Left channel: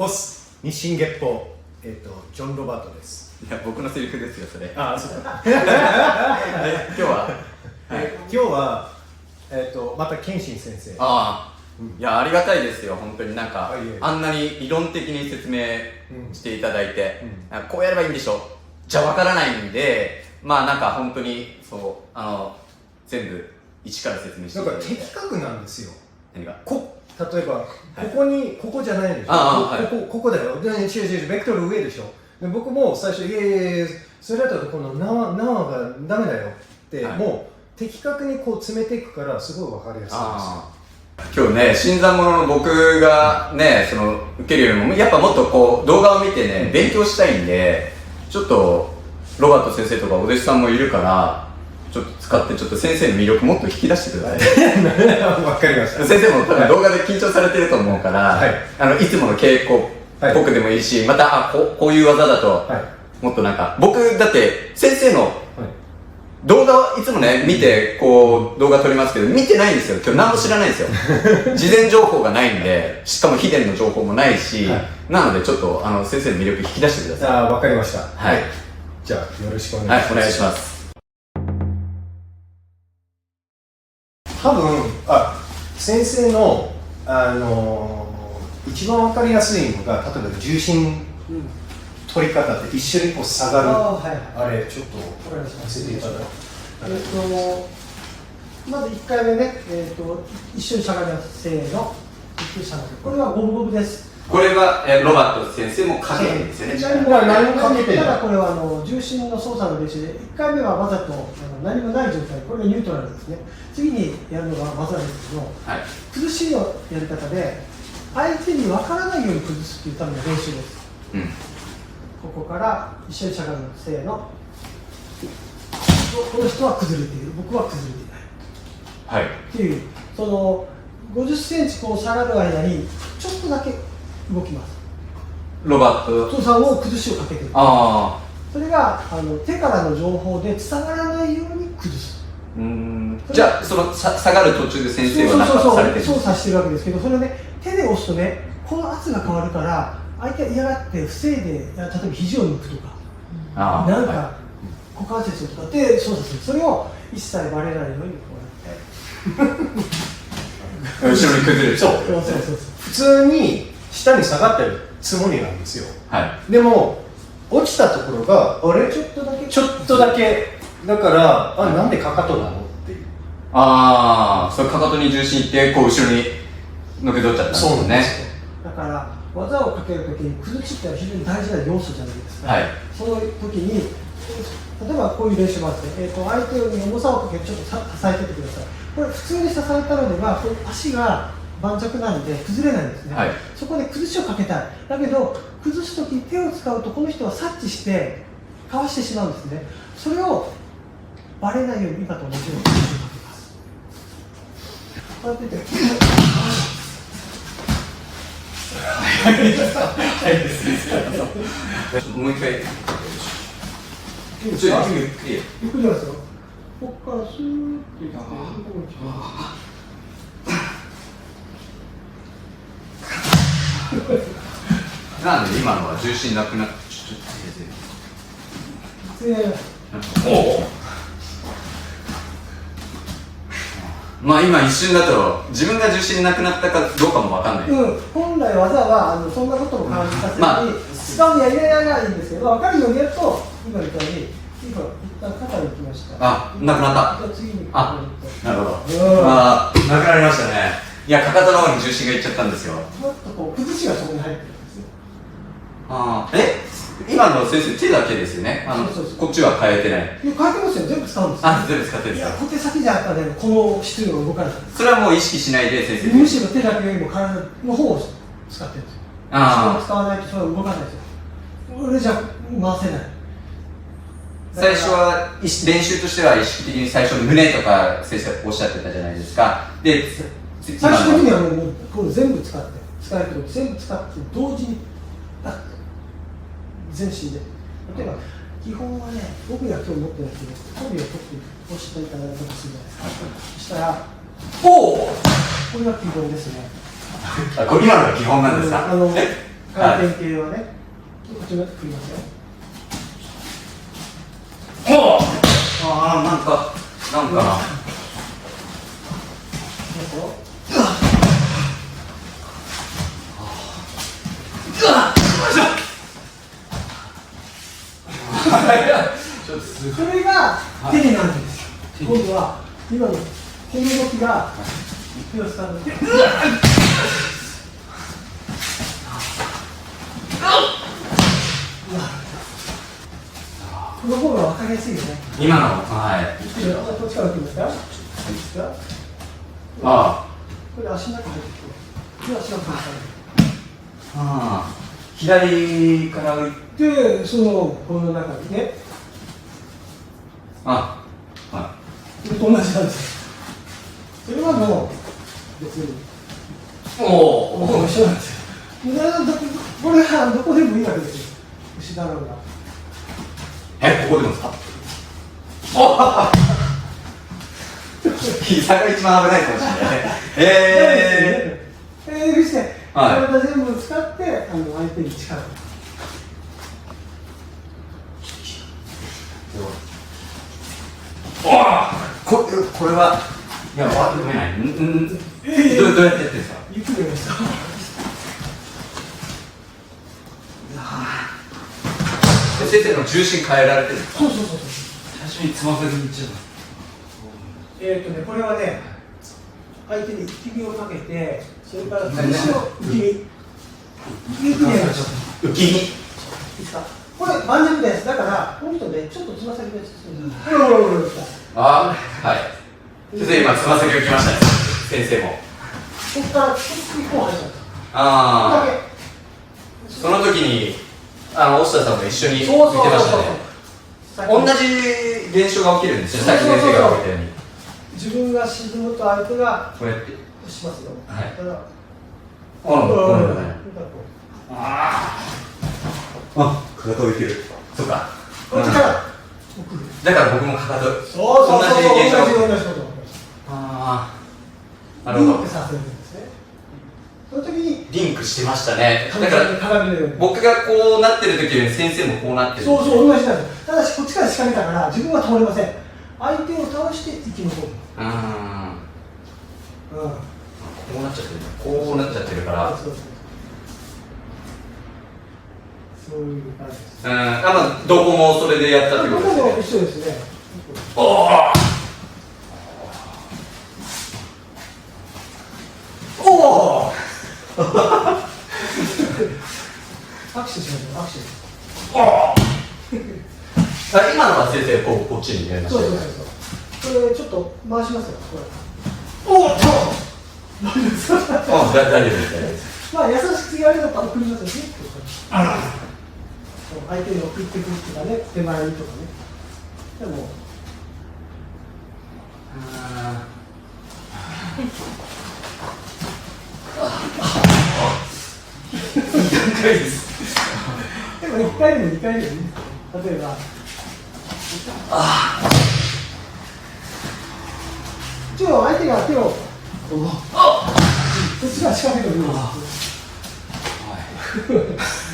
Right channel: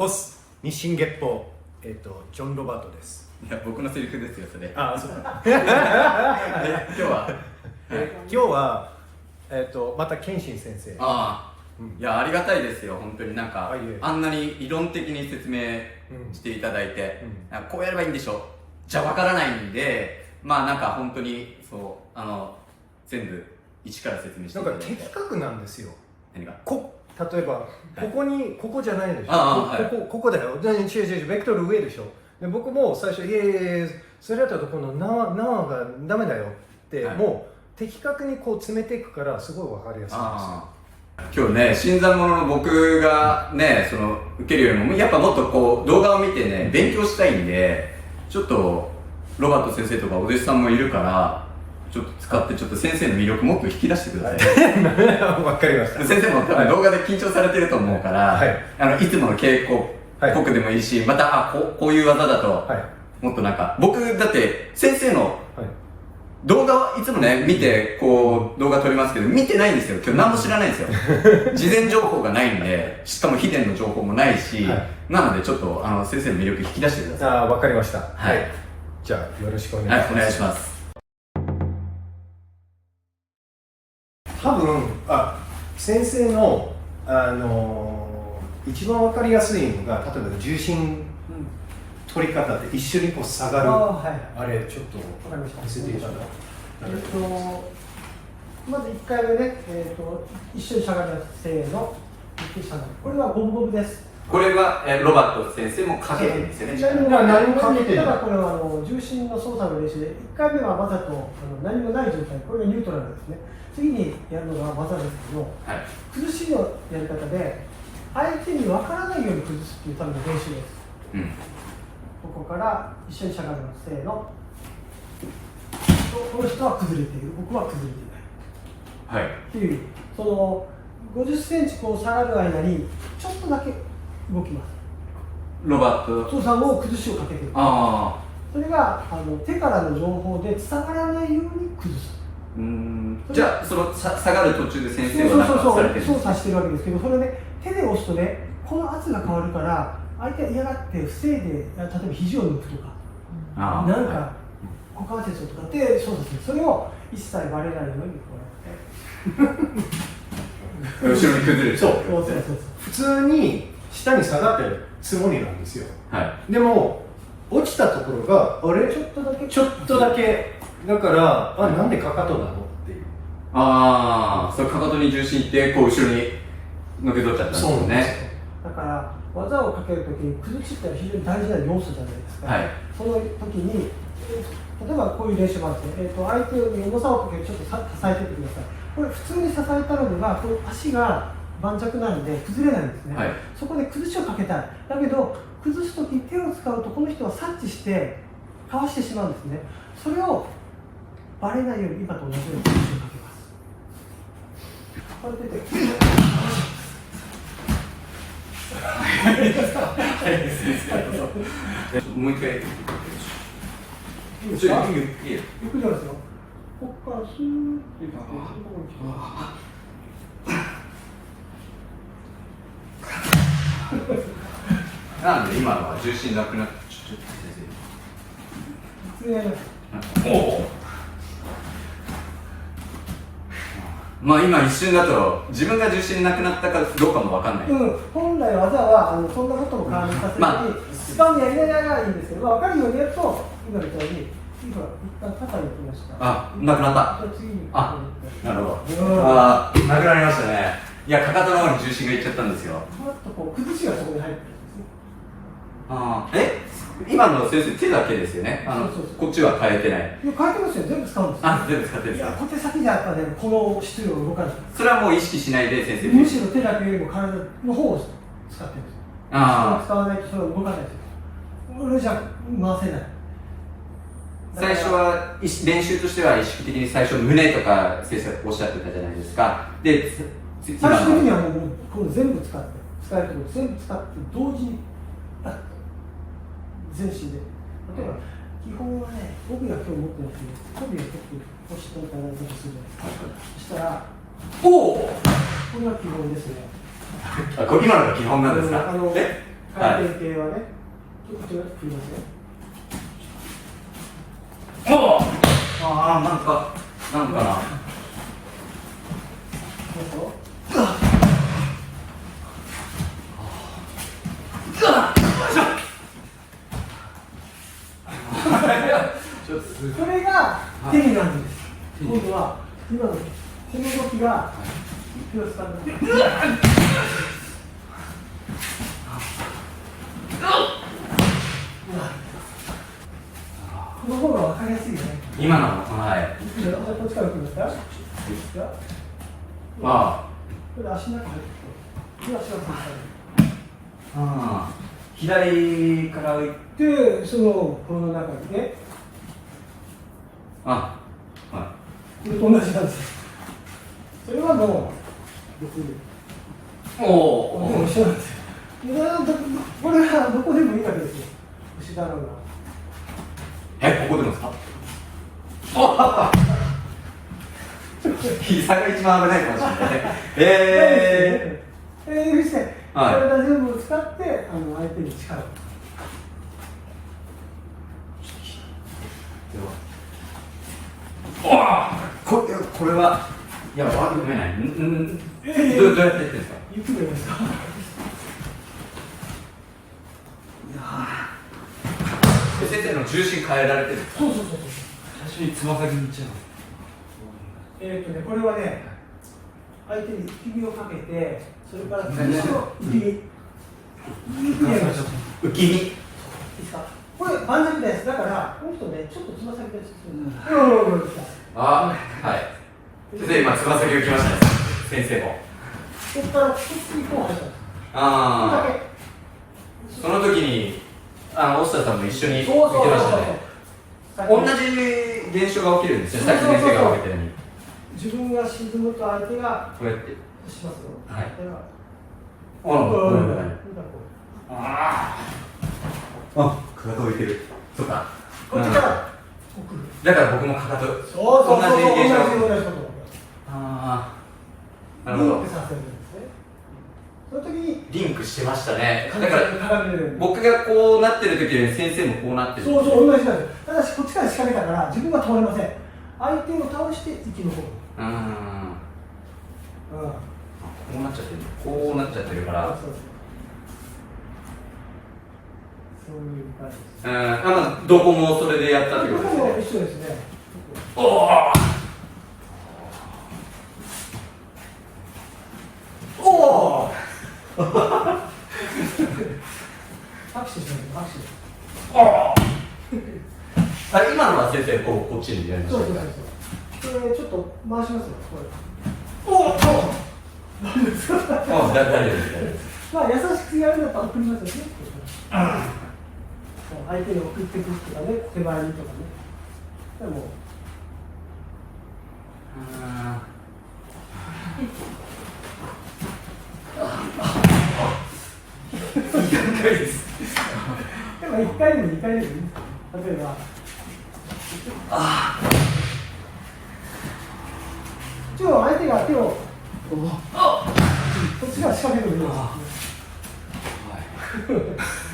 オス日進月歩、ジョン・ロバートです。いや、僕のセリフですよ、それ。ああ、そうだ。今日は、今日は、また謙信先生。ああ、いや、ありがたいですよ、本当になんか、いえあんなに理論的に説明していただいて、うんこうやればいいんでしょじゃわからないんで、まあなんか本当に、そう、全部一から説明してなんかいただいて。的確なんですよ。何が例えば、ここじゃないでしょ。あここだよ。違う、ベクトル上でしょ。で僕も最初、いや、それだとこの縄がダメだよって、はいもう的確にこう詰めていくから、すごいわかりやすいんですよ。今日ね、新参者の僕がね、受けるよりも、やっぱもっとこう、動画を見てね、勉強したいんで、ちょっと、ロバート先生とかお弟子さんもいるから、ちょっと使って、ちょっと先生の魅力もっと引き出してください。わかりました。先生も多分動画で緊張されてると思うから、はいいつもの稽古っぽくでもいいし、また、こういう技だと、はいもっとなんか、僕、だって、先生の、はい動画いつもね、見て、こう、動画撮りますけど、見てないんですよ。今日何も知らないんですよ。事前情報がないんで、しかも秘伝の情報もないし、はいなのでちょっと、先生の魅力引き出してください。ああ、わかりました。はい。じゃあ、よろしくお願いします。はい、お願いします。多分、先生の、一番わかりやすいのが、例えば重心取り方って一緒にこう下がる。あれ、ちょっとわかりました。見せていただいて。まず1回目ね、一緒にしゃがみます。せーの、ゆっくりしゃがむ。これは五分五分です。これは、ロバート先生もかけてるんですよね。何もかけてない。ただこれは重心の操作の練習で、1回目はわざと何もない状態、これがニュートラルですね。次にやるのが技ですけど、はい。崩しのやり方で、相手に分からないように崩すっていうための練習です。うん。ここから一緒にしゃがむ。せーの。この人は崩れている。僕は崩れていない。はい。っていう、50センチこう下がる間に、ちょっとだけ動きます。ロバート。父さんを崩しをかけている。ああ。それが手からの情報で伝わらないように崩す。じゃあ、下がる途中で先生は何かされてるんですか？操作してるわけですけど、それをね、手で押すとね、この圧が変わるから、相手は嫌がって防いで、例えば肘を抜くとか、なんか股関節を使って操作する。それを一切バレないようにこうやって。後ろに崩れる。そう。そう普通に下に下がってるつもりなんですよ。はい。でも、落ちたところが、あれちょっとだけ。ちょっとだけ。だから、なんでかかとなのっていう。それかかとに重心いって、こう後ろにのけ取っちゃったんですそうなんね。ですよ。だから技をかけるときに崩しって非常に大事な要素じゃないですか、はい。その時に例えばこういう練習もあって、相手に重さをかけてちょっと支えててください。これ普通に支えたのではこう足が盤石なので崩れないんですね、はい。そこで崩しをかけたい。だけど崩す時手を使うとこの人は察知してかわしてしまうんですね。それをバレないように今と同じように崩しをかけます。こうやってもう一回。いいですか？ゆっくり。ゆっくりなんですよ。ここからスーッといってここに来てなんで今のは重心なくなって普通にやります。まあ今一瞬だと自分が重心なくなったかどうかもわかんない。本来技はそんなことも感じさせずに使うには入れながらいいんですけど、分かるようにやると今みたいに今一旦肩に行きました。なくなった。じゃあ次になるほど。なくなりましたね。いや、かかとの方に重心がいっちゃったんですよ。もっとこう崩しがそこに入ってるんですね。今の先生手だけですよね。そうこっちは変えてない。いや変えてますよ。全部使うんですよ。全部使ってるんいやですか。小手先じゃやっぱね、この質量動かない。それはもう意識しないで先生。むしろ手だけよりも体の方を使ってるんですよ。力を使わないとそれは動かないですよ。俺じゃ回せない。最初は練習としては意識的に最初胸とか先生おっしゃってたじゃないですか。で、最終的にはもうこれ全部使えること全部使って同時にバッと全身で。例えば基本はね、帯は今日持ってないけど、帯を取って押していただいたとするじゃないですか。そしたら、これが基本ですね。これ今のが基本なんですか？回転系をね、こっちの振りますよ。おああ、なんかな。それが手なんです。今度は今のこの動きが手を使うので、この方が分かりやすいよね。今のはい。こっちから来るんですか？いいですか？あこれ足の中入ってきて、足の中にあ、左から浮いて、で、そのこの中にね、あ、はこれと同じなんですよ。それはもう別にい。おもう一緒なんですよ。これはどこでもいいわけですよ。牛だろうが。ここでもですか？膝が一番危ないかもしれない。して、はい体全部使って相手に力を。これはいやわかんない。どうやってやってるんですか？ゆっくりやりました。先生の重心変えられてる。そう。最初につま先にいっちゃう。これはね、相手に浮き身をかけて、それから後ろ何浮き身。ゆっくりやりましょう。浮き身。いいですか？これ盤石です。だからこの人ね、ちょっとつま先です。あ、はい。先生今つま先浮きましたね。先生も。ここからこっちにこう入ったんです。ああ。だけ。その時に押田さんも一緒に見てましたね。同じ現象が起きるんですよ。さっき先生が起きたように。自分が沈むと相手がこうやって。しますよ。はい。だからかかと浮いてる。そうか。こっちからだから僕もかかと。同じ現象。同じことああ。なるほど。リンクさせるんですね。その時にリンクしてましたね。だから鏡のように僕がこうなってる時に先生もこうなってる。そう同じなんです。ただしこっちから仕掛けたから自分は倒れません。相手を倒して生き残る。こうなっちゃってる。こうなっちゃってるから。そういう感じです。どこもそれでやったってことですね。どこも一緒ですね。おお。拍手しましょう。拍手。今のは先生こっちにやりました。これちょっと回しますよ。大丈夫です。まあ優しくやるのと送りますよね。相手に送ってくるとかね、手前にとかね。でも。でも1回でも2回でもいいですよ。例えば。相手が手をこっちが仕掛けてるようです。